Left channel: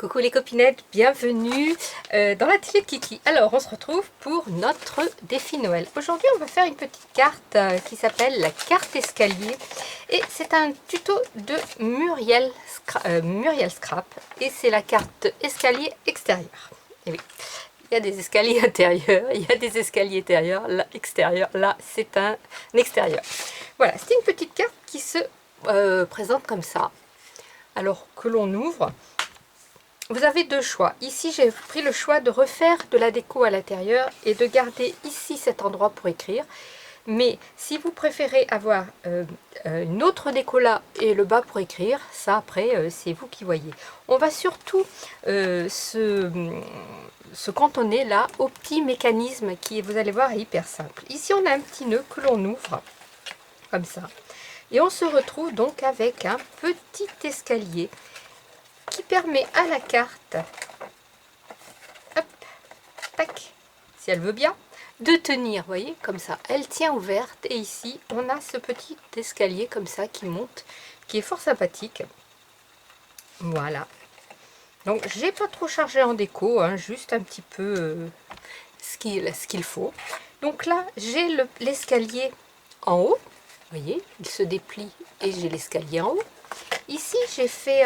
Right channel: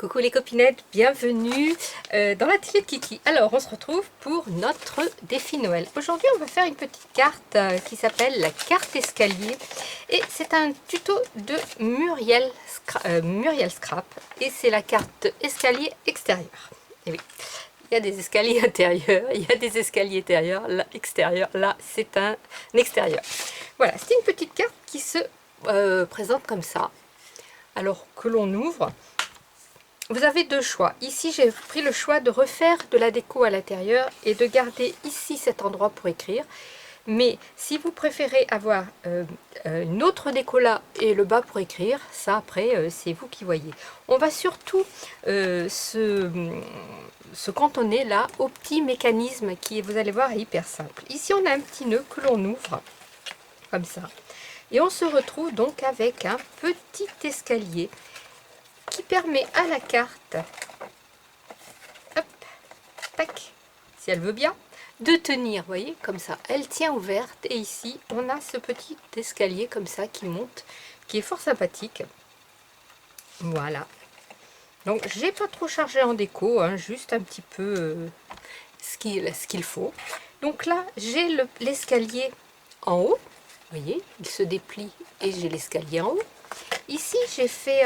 Coucou les copinettes, bienvenue dans l'atelier de Kiki. Alors on se retrouve pour notre défi Noël. Aujourd'hui on va faire une petite carte qui s'appelle la carte escalier. Et c'est un tuto de Muriel Scrap. Et c'est la carte escalier extérieur. Et oui, il y a des escaliers intérieurs, il y a des escaliers intérieurs, là, extérieur, là c'est un extérieur. Voilà, c'est une petite carte qui se présente comme ça. Alors que l'on ouvre, vous avez deux choix. Ici, j'ai pris le choix de refaire de la déco à l'intérieur et de garder ici cet endroit pour écrire. Mais si vous préférez avoir une autre déco là et le bas pour écrire, ça après, c'est vous qui voyez. On va surtout se cantonner là au petit mécanisme qui, vous allez voir, est hyper simple. Ici, on a un petit nœud que l'on ouvre comme ça. Et on se retrouve donc avec un petit escalier qui permet à la carte, hop, tac, si elle veut bien, de tenir, vous voyez, comme ça. Elle tient ouverte et ici, on a ce petit escalier comme ça qui monte, qui est fort sympathique. Voilà. Donc, j'ai pas trop chargé en déco, hein, juste un petit peu ce qu'il faut. Donc là, j'ai l'escalier en haut. Vous voyez, il se déplie et j'ai l'escalier en haut. Ici, j'ai fait...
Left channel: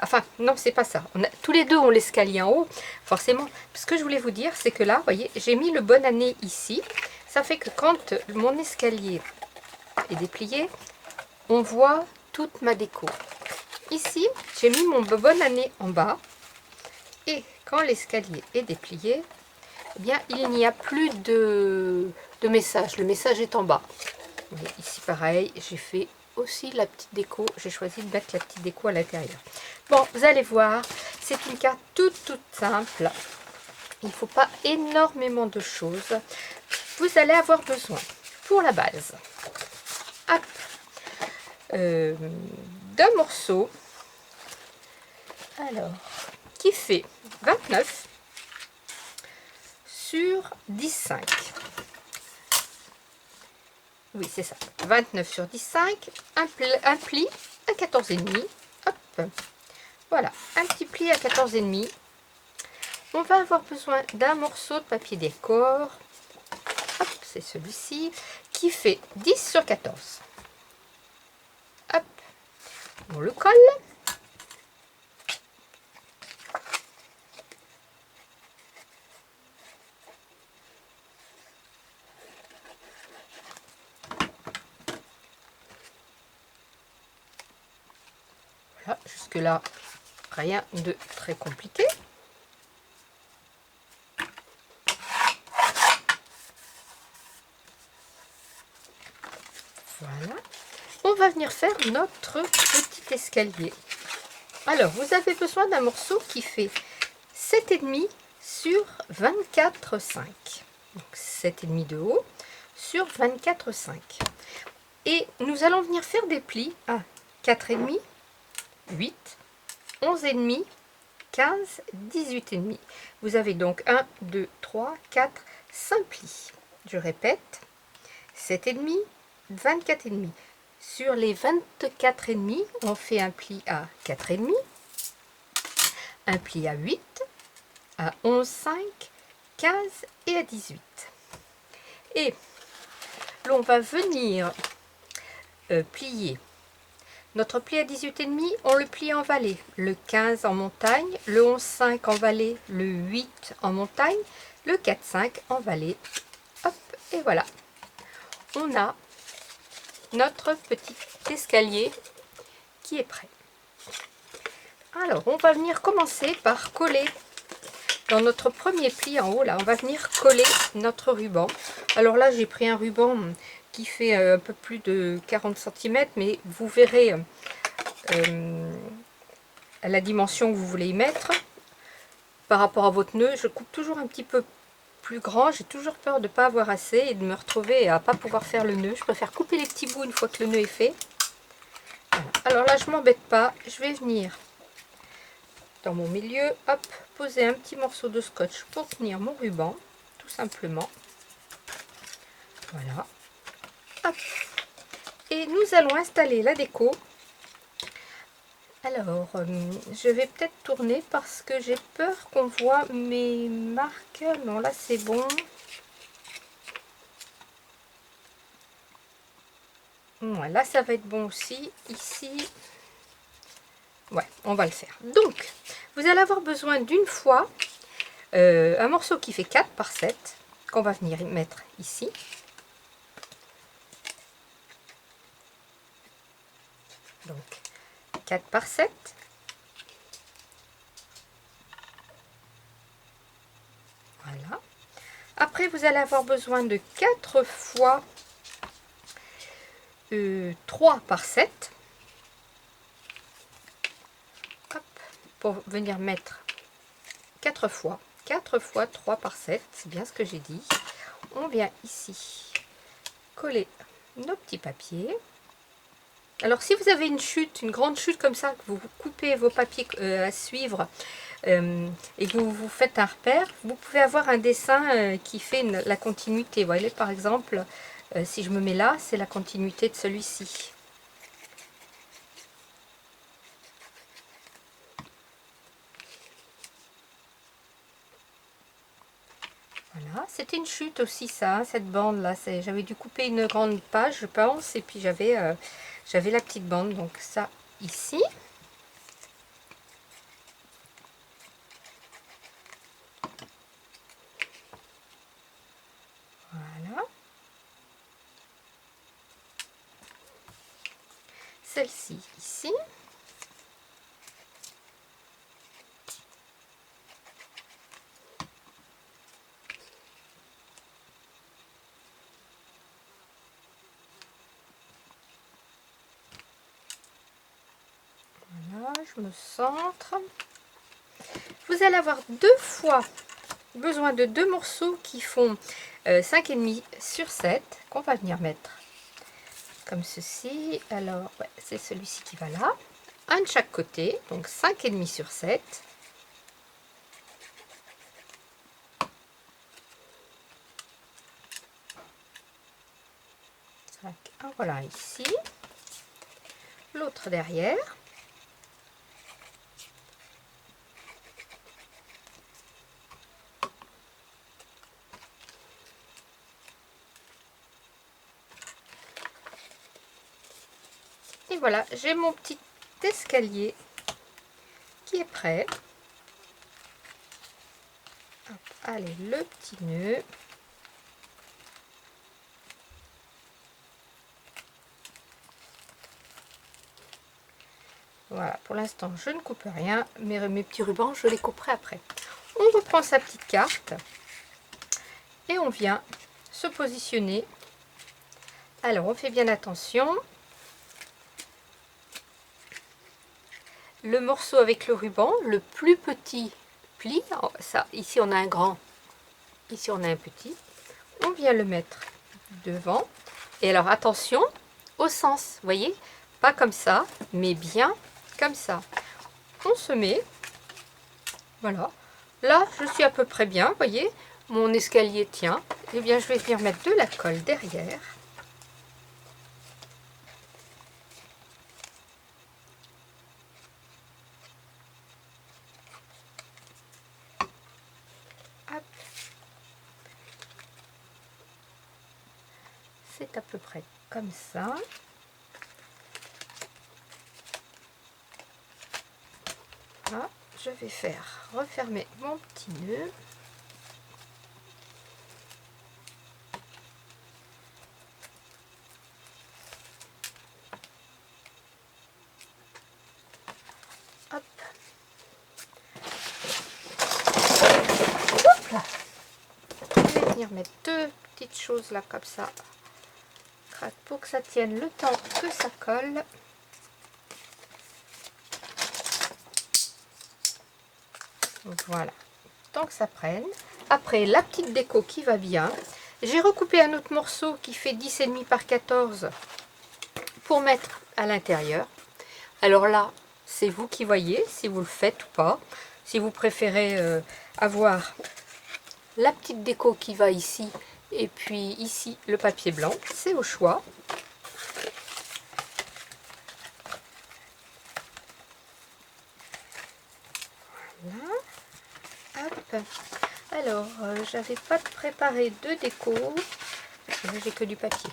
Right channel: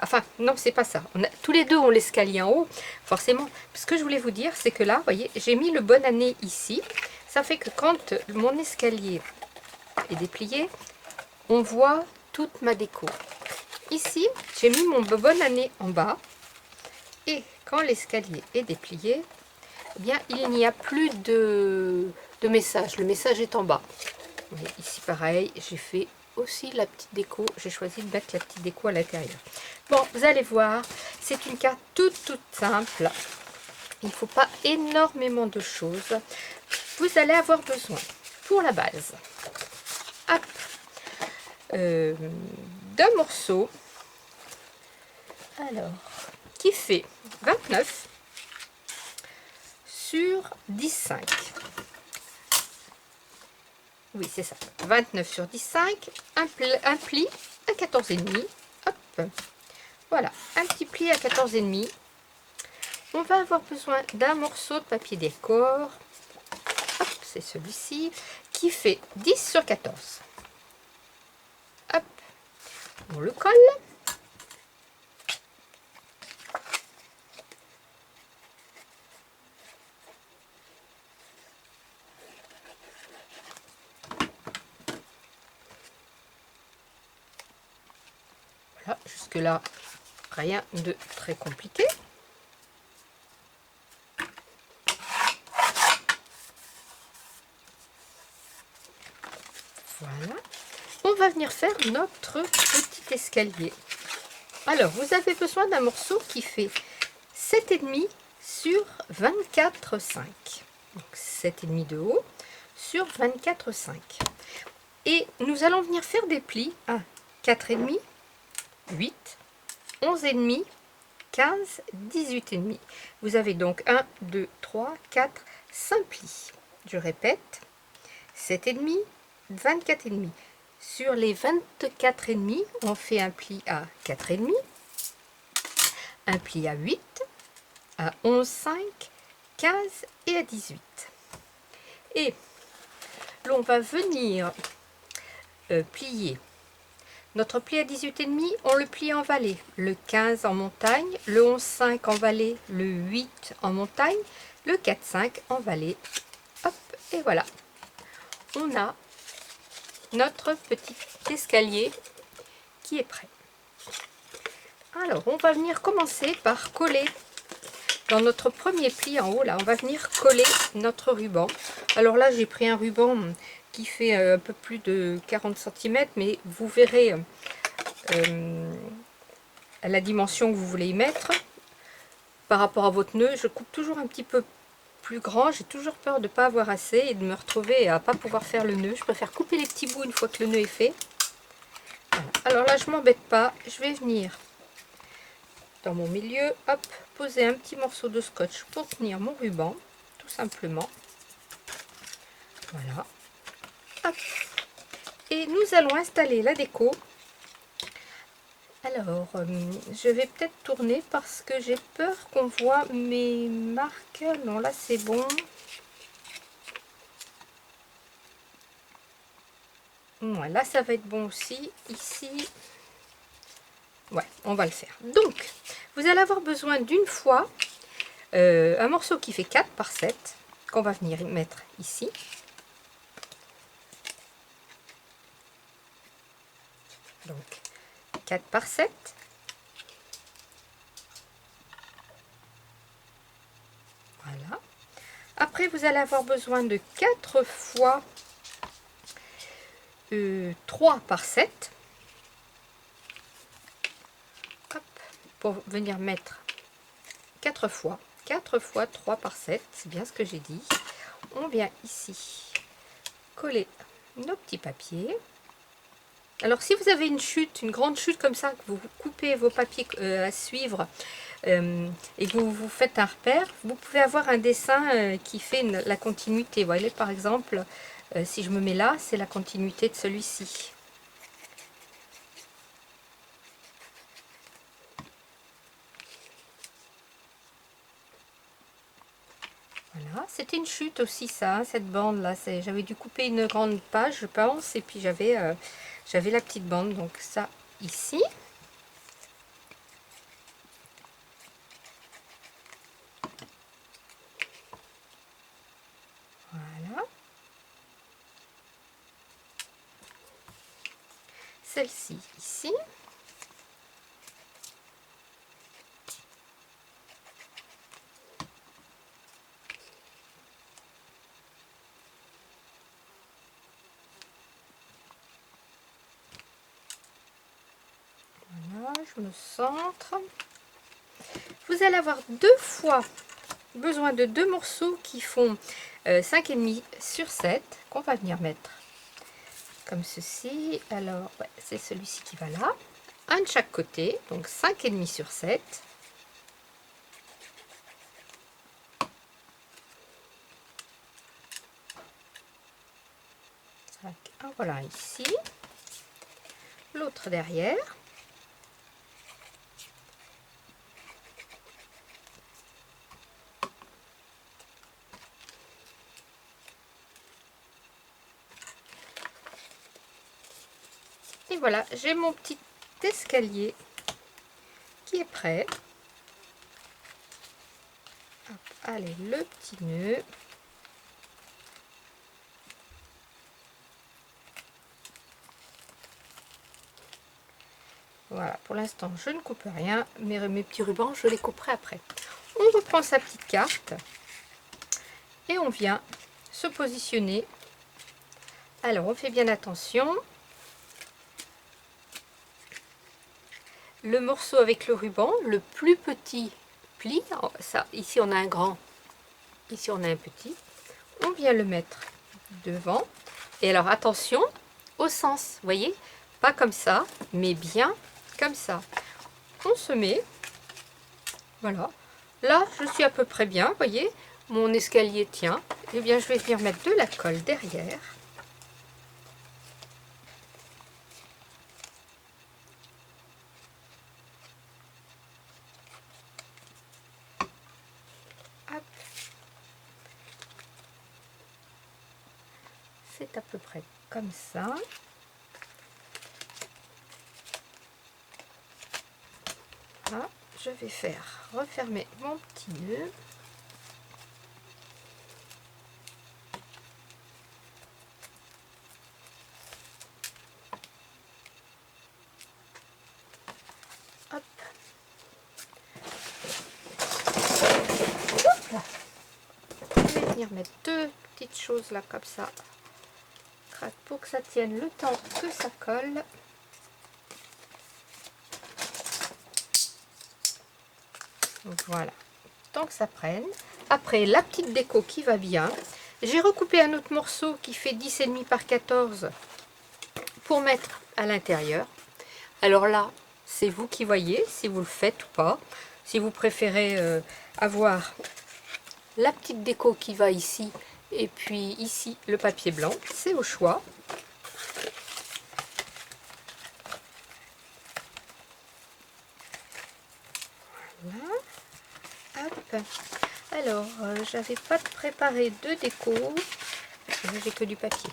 enfin, non, c'est pas ça. Tous les deux ont l'escalier en haut, forcément. Ce que je voulais vous dire, c'est que là, vous voyez, j'ai mis le bonne année ici. Ça fait que quand mon escalier est déplié, on voit toute ma déco. Ici, j'ai mis mon bonne année en bas. Et quand l'escalier est déplié, eh bien, il n'y a plus de message. Le message est en bas. Et ici, pareil, j'ai fait aussi la petite déco. J'ai choisi de mettre la petite déco à l'intérieur. Bon, vous allez voir, c'est une carte toute simple. Il ne faut pas énormément de choses. Vous allez avoir besoin, pour la base, d'un morceau, alors, qui fait 29 sur 10,5. Oui, c'est ça. 29 sur 10,5. Un pli à 14,5. Hop. Voilà, un petit pli à 14,5. On va avoir besoin d'un morceau de papier décor. Hop, c'est celui-ci. Qui fait 10 sur 14. Hop. On le colle. Voilà, jusque-là, rien de très compliqué. Voilà. On va venir faire notre petit escalier. Alors, vous avez besoin d'un morceau qui fait 7,5 sur 24,5. Donc, 7,5 de haut sur 24,5. Et nous allons venir faire des plis à 4,5, 8, 11,5, 15, 18,5. Vous avez donc 1, 2, 3, 4, 5 plis. Je répète, 7,5, 24,5. Sur les 24,5, on fait un pli à 4,5, un pli à 8, à 11,5, 15 et à 18. Et l'on va venir plier. Notre pli à 18,5, on le plie en vallée. Le 15 en montagne, le 11,5 en vallée, le 8 en montagne, le 4,5 en vallée. Hop, et voilà. On a notre petit escalier qui est prêt. Alors, on va venir commencer par coller dans notre premier pli en haut. Là, on va venir coller notre ruban. Alors là, j'ai pris un ruban qui fait un peu plus de 40 cm, mais vous verrez à la dimension que vous voulez y mettre. Par rapport à votre nœud, je coupe toujours un petit peu plus grand. J'ai toujours peur de ne pas avoir assez et de me retrouver à ne pas pouvoir faire le nœud. Je préfère couper les petits bouts une fois que le nœud est fait. Voilà. Alors là, je ne m'embête pas. Je vais venir dans mon milieu, hop, poser un petit morceau de scotch pour tenir mon ruban, tout simplement. Voilà. Hop. Et nous allons installer la déco Alors, je vais peut-être tourner parce que j'ai peur qu'on voit mes marques. Non, là c'est bon. Ouais, là ça va être bon aussi. Ici, ouais, on va le faire. Donc, vous allez avoir besoin d'une fois un morceau qui fait 4 par 7 qu'on va venir mettre ici. Donc, 4 par 7. Voilà. Après, vous allez avoir besoin de 4 fois 3 par 7. Hop, pour venir mettre 4 fois 3 par 7. C'est bien ce que j'ai dit. On vient ici coller nos petits papiers. Alors si vous avez une chute, une grande chute comme ça, que vous coupez vos papiers à suivre et que vous faites un repère, vous pouvez avoir un dessin qui fait la continuité. Vous voyez par exemple, si je me mets là, c'est la continuité de celui-ci. Voilà, c'était une chute aussi ça, cette bande là, j'avais dû couper une grande page je pense, et puis j'avais la petite bande, donc ça ici. Voilà. Celle-ci ici. Voilà, je me centre. Vous allez avoir besoin de deux morceaux qui font 5,5 sur 7 qu'on va venir mettre comme ceci. Alors, ouais, c'est celui-ci qui va là. Un de chaque côté, donc 5,5 sur 7. Un voilà ici. L'autre derrière. Et voilà, j'ai mon petit escalier qui est prêt. Hop, allez, le petit nœud. Voilà, pour l'instant, je ne coupe rien. Mes petits rubans, je les couperai après. On reprend sa petite carte et on vient se positionner. Alors, on fait bien attention. Le morceau avec le ruban, le plus petit pli, ça, ici on a un grand, ici on a un petit. On vient le mettre devant. Et alors, attention au sens, vous voyez, pas comme ça, mais bien comme ça. On se met, voilà. Là, je suis à peu près bien, vous voyez, mon escalier tient. Eh bien, je vais venir mettre de la colle derrière. Hop. C'est à peu près comme ça. Là, je vais faire refermer mon petit nœud. Hop. Hop là. Je vais venir mettre deux petites choses là comme ça, pour que ça tienne le temps que ça colle. Voilà, tant que ça prenne. Après, la petite déco qui va bien. J'ai recoupé un autre morceau qui fait 10,5 par 14 pour mettre à l'intérieur. Alors là, c'est vous qui voyez si vous le faites ou pas. Si vous préférez avoir la petite déco qui va ici et puis ici le papier blanc, c'est au choix. Voilà. Hop. Alors, j'avais pas préparé de déco. J'ai que du papier.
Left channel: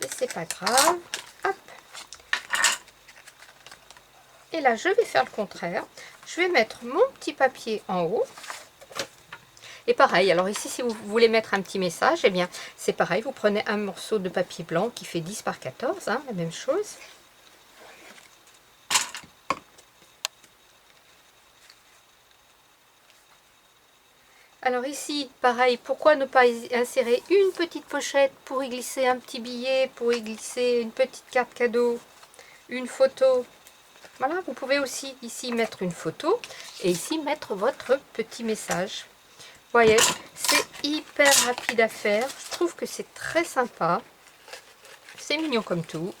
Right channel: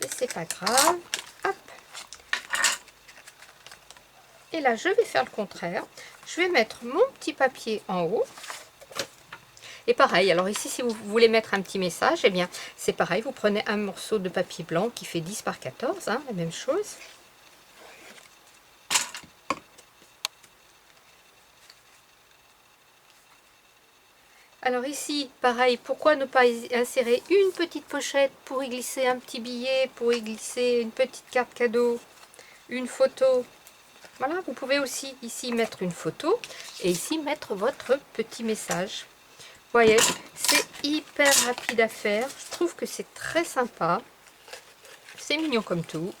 Mais c'est pas grave. Hop. Et là, je vais faire le contraire. Je vais mettre mon petit papier en haut. Et pareil, alors ici, si vous voulez mettre un petit message, eh bien, c'est pareil. Vous prenez un morceau de papier blanc qui fait 10 par 14, hein, la même chose. Alors ici, pareil, pourquoi ne pas insérer une petite pochette pour y glisser un petit billet, pour y glisser une petite carte cadeau, une photo. Voilà, vous pouvez aussi ici mettre une photo et ici mettre votre petit message. Vous voyez, c'est hyper rapide à faire. Je trouve que c'est très sympa. C'est mignon comme tout.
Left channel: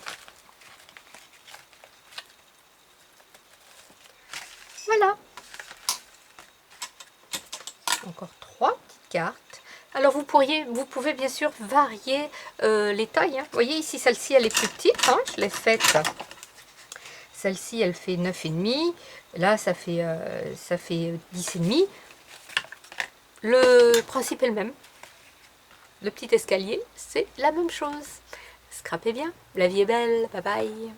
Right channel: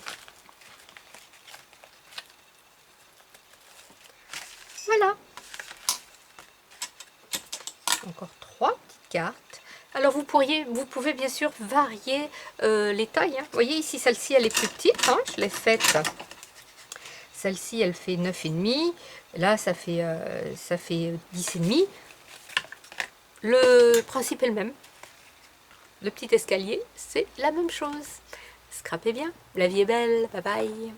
Voilà. Encore 3 petites cartes. Alors vous pouvez bien sûr varier les tailles. Hein. Vous voyez ici, celle-ci, elle est plus petite. Hein. Je l'ai faite. Celle-ci, elle fait 9,5. Là, ça fait 10,5. Le principe est le même. Le petit escalier, c'est la même chose. Scrapez bien. La vie est belle. Bye bye.